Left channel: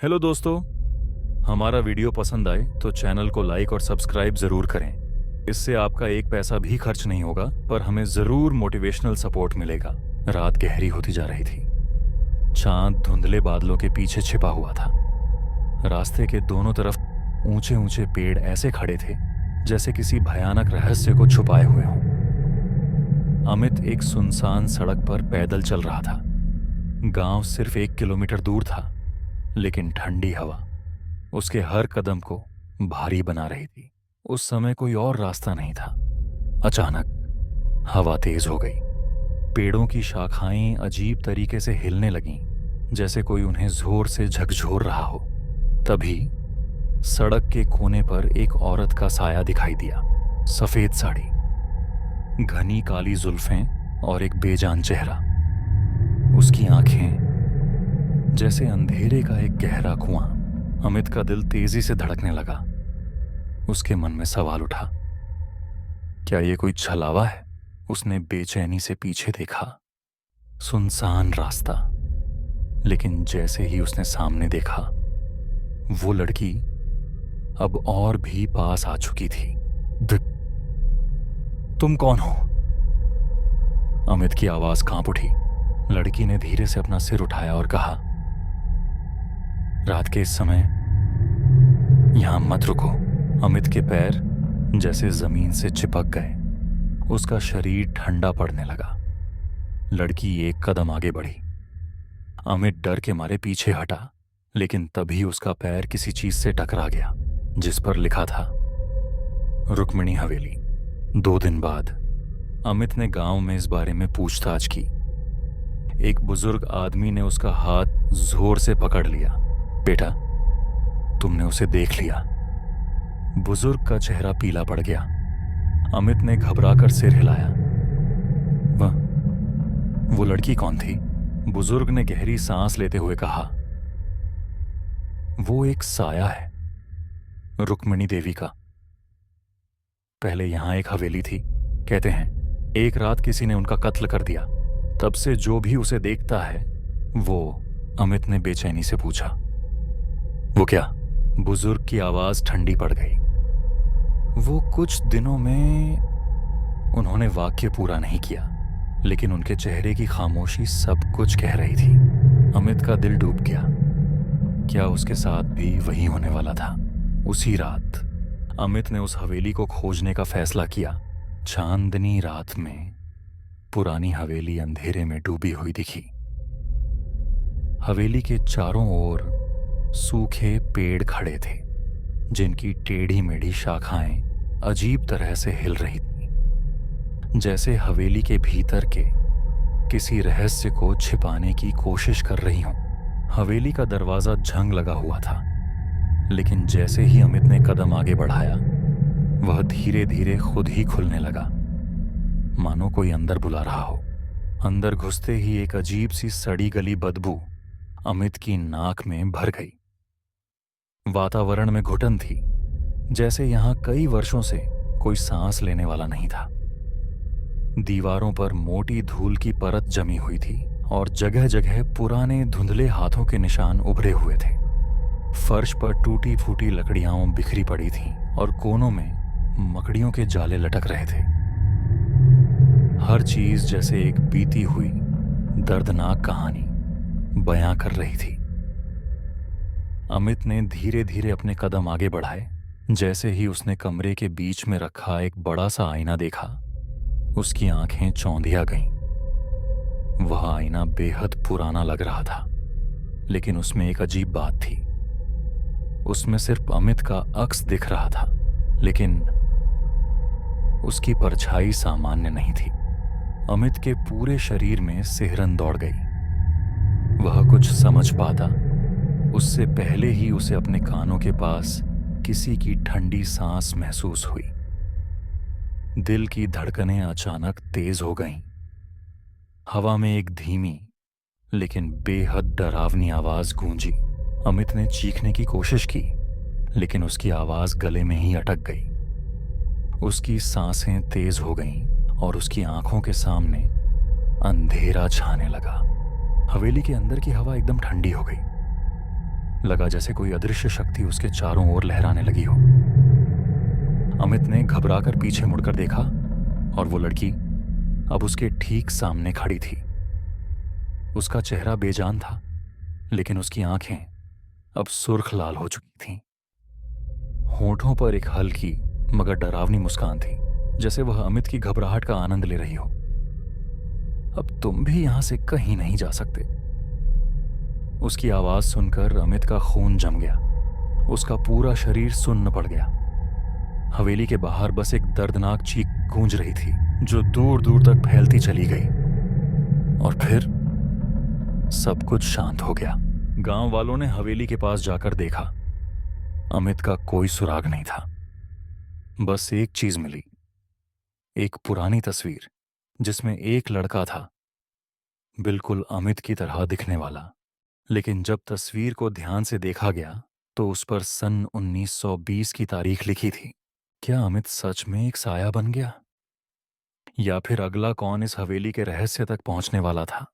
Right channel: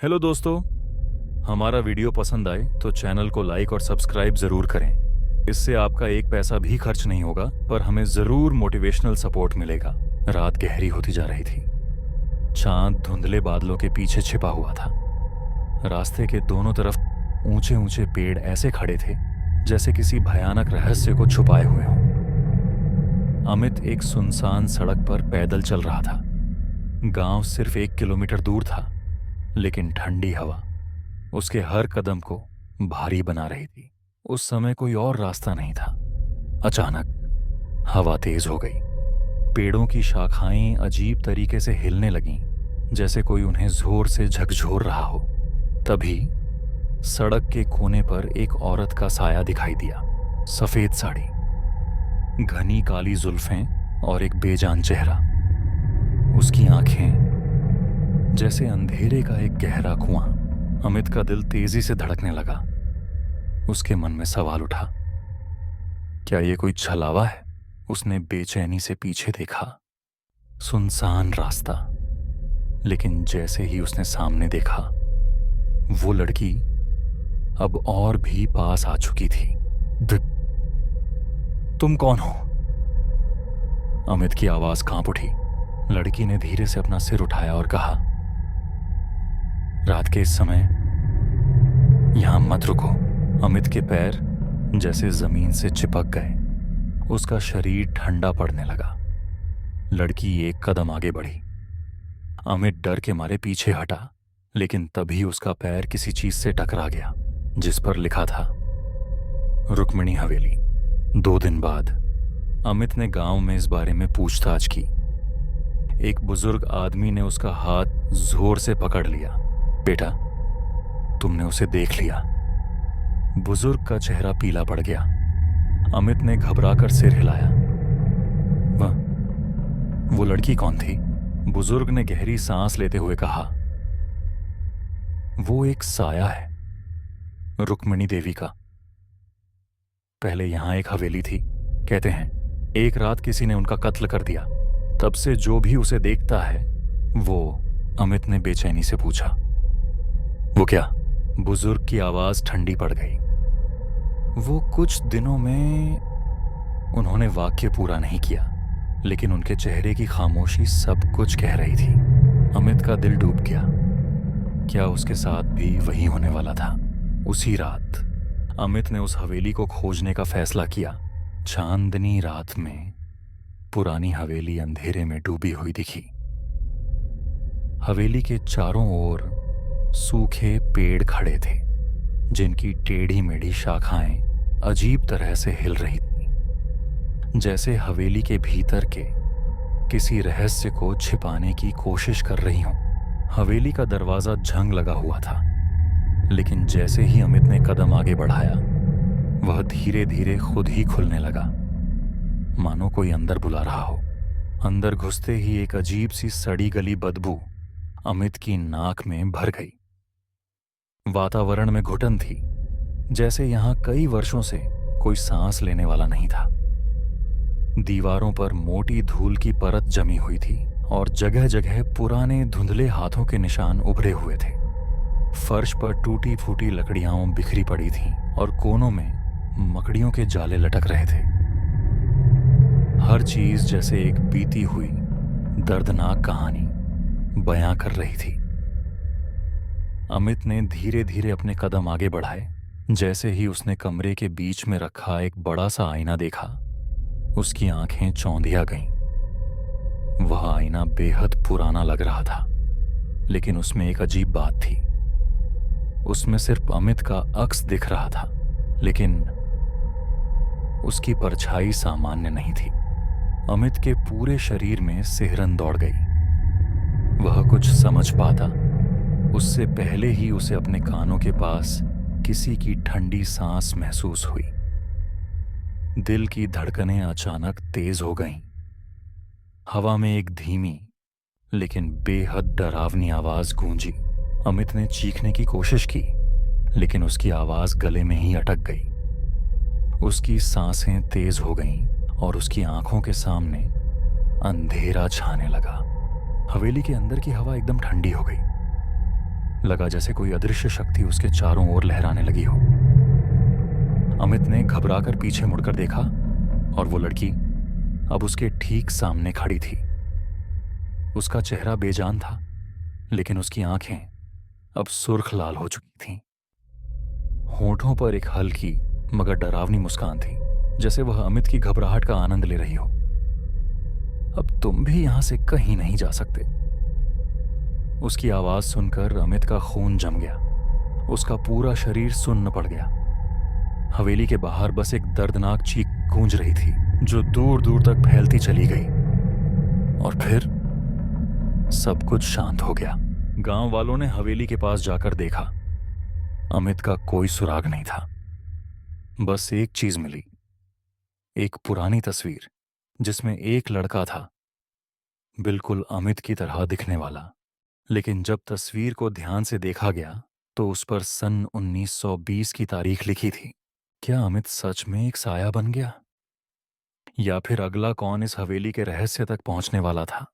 Hello दोस्तों। हमारा video पसंद आए तो चैनल को लाइक और सब्सक्राइब ज़रूर करें। इससे आपका एक पैसा भी खर्च नहीं होगा, पर हमें ज़रूर मोटिवेशनल सपोर्ट मिलेगा। रात गहरी होती जा रही थी। चांद धुंधले बादलों के पीछे छिपा हुआ था। रास्ते के दोनों तरफ ऊंचे ऊंचे पेड़ ऐसे खड़े थे जैसे किसी भयानक रहस्य को छुपाए हुए हों। अमित एक सुनसान सड़क पर पैदल चल रहा था। गांव सिर्फ 1 किलोमीटर दूर था, लेकिन ठंडी हवा उसके हर कदम को भारी बना रही थी। उस समय कोई और रास्ता नहीं था। अचानक हवा तेज हो गई। पेड़ों की शाखाएं अजीब तरीके से हिलने लगीं, जैसे कोई उन्हें जोर से झकझोर रहा हो। तभी सड़क के कोने पर एक औरत का साया दिखाई दिया। सफेद साड़ी, घनी काली जुल्फें और एक बेजान चेहरा। उसकी आंखें जैसे अंधेरे का एक गहरा कुआं। अमित का दिल तेजी से धड़कने लगा। उसके मन में सवाल उठा, क्या ये कोई छलावा है? उसने बेचैनी से पीछे देखा। सुनसान रास्ता, लेकिन जैसे ही उसने सामने देखा, वो लड़की अब और भी पास आ चुकी थी। तुम कौन हो? अमित की आवाज कांप उठी। लड़की ने धीरे से अपना सिर उठाया और कहा, रात के इस समय यहां मत रुको। अमित के पैर जैसे जमीन से चिपक गए। उसका शरीर ठंडा पड़ने लगा। लड़की एक कदम आगे बढ़ी। अमित डर के मारे पीछे हटा, लेकिन तभी उसका पैर किसी चीज से टकरा गया, जिस पर लिखा था रुक्मिणी हवेली। 2 दिन बाद अमित ने गांव में इस बारे में पूछताछ की। एक बुजुर्ग आदमी ने उसका हाथ जोर से पकड़ लिया। बेटा, तुमने उसे देख लिया। बुजुर्ग का चेहरा पीला पड़ गया। अमित ने घबराकर सिर हिलाया। वो लड़की कौन थी? बुजुर्ग ने गहरी सांस लेते हुए कहा, वो एक साया है, रुक्मिणी देवी का। पहले यहां एक हवेली थी। कहते हैं एक रात किसी ने उनका कत्ल कर दिया। तब से जो भी उसे देखता है वो। अमित ने बेचैनी से पूछा, वो क्या? बुजुर्ग की आवाज ठंडी पड़ गई। वो कुछ दिनों में। उन्होंने वाक्य पूरा नहीं किया, लेकिन उनके चेहरे की खामोशी सब कुछ कह रही थी। अमित का दिल डूब गया। क्या उसके साथ भी वही होने वाला था? उसी रात अमित ने उस हवेली को खोजने का फैसला किया। चांदनी रात में पुरानी हवेली अंधेरे में डूबी हुई दिखी। हवेली के चारों ओर सूखे पेड़ खड़े थे, जिनकी टेढ़ी मेढ़ी शाखाएं अजीब तरह से हिल रही थीं, जैसे हवेली के भीतर के किसी रहस्य को छिपाने की कोशिश कर रही हों। हवेली का दरवाजा जंग लगा हुआ था, लेकिन जैसे ही अमित ने कदम आगे बढ़ाया, वह धीरे धीरे खुद ही खुलने लगा, मानो कोई अंदर बुला रहा हो। अंदर घुसते ही एक अजीब सी सड़ी गली बदबू अमित की नाक में भर गई। वातावरण में घुटन थी, जैसे यहां कई वर्षों से कोई सांस लेने वाला नहीं था। दीवारों पर मोटी धूल की परत जमी हुई थी और जगह जगह पुराने धुंधले हाथों के निशान उभरे हुए थे। फर्श पर टूटी फूटी लकड़ियां बिखरी पड़ी थीं और कोनों में मकड़ियों के जाले लटक रहे थे। हर चीज जैसे एक बीती हुई दर्दनाक कहानी बयां कर रही थी। अमित ने धीरे धीरे अपने कदम आगे बढ़ाए। जैसे ही उसने कमरे के बीच में रखा एक बड़ा सा आईना देखा, उसकी आंखें चौंधिया गईं। वह आईना बेहद पुराना लग रहा था, लेकिन उसमें एक अजीब बात थी। उसमें सिर्फ अमित का अक्स दिख रहा था, लेकिन उसकी परछाई सामान्य नहीं थी। अमित के पूरे शरीर में सिहरन दौड़ गई। वह कुछ समझ पाता उससे पहले ही उसे अपने कानों के पास किसी की ठंडी सांस महसूस हुई। दिल की धड़कनें अचानक तेज हो गईं। हवा में एक धीमी लेकिन बेहद डरावनी आवाज गूंजी। अमित ने चीखने की कोशिश की, लेकिन उसकी आवाज गले में ही अटक गई। उसकी सांसें तेज हो गईं और उसकी आंखों के सामने अंधेरा छाने लगा। हवेली के अंदर की हवा एकदम ठंडी हो गई। लगा जैसे कोई अदृश्य शक्ति उसके चारों ओर लहराने लगी हो। अमित ने घबराकर पीछे मुड़कर देखा और वो लड़की अब उसके ठीक सामने खड़ी थी। उसका चेहरा बेजान था, लेकिन उसकी आंखें अब सुर्ख लाल हो चुकी थीं। होठों पर एक हल्की मगर डरावनी मुस्कान थी, जैसे वह अमित की घबराहट का आनंद ले रही हो। अब तुम भी यहां से कहीं नहीं जा सकते। उसकी आवाज सुनकर अमित का खून जम गया। उसका पूरा शरीर सुन्न पड़ गया। हवेली के बाहर बस एक दर्दनाक चीख गूंज रही थी, जो दूर दूर तक फैलती चली गई। और फिर सब कुछ शांत हो गया। गांव वालों ने हवेली के पास जाकर देखा। अमित का कोई सुराग नहीं था। बस एक चीज मिली, एक पुरानी तस्वीर जिसमें एक लड़का था, बिल्कुल अमित की तरह दिखने वाला। लेकिन जब तस्वीर को ध्यान से देखा गया तो उस पर सन 1920 की तारीख लिखी थी। क्या अमित सच में एक साया बन गया, या फिर अगला कौन इस हवेली के रहस्य तक पहुंचने वाला था?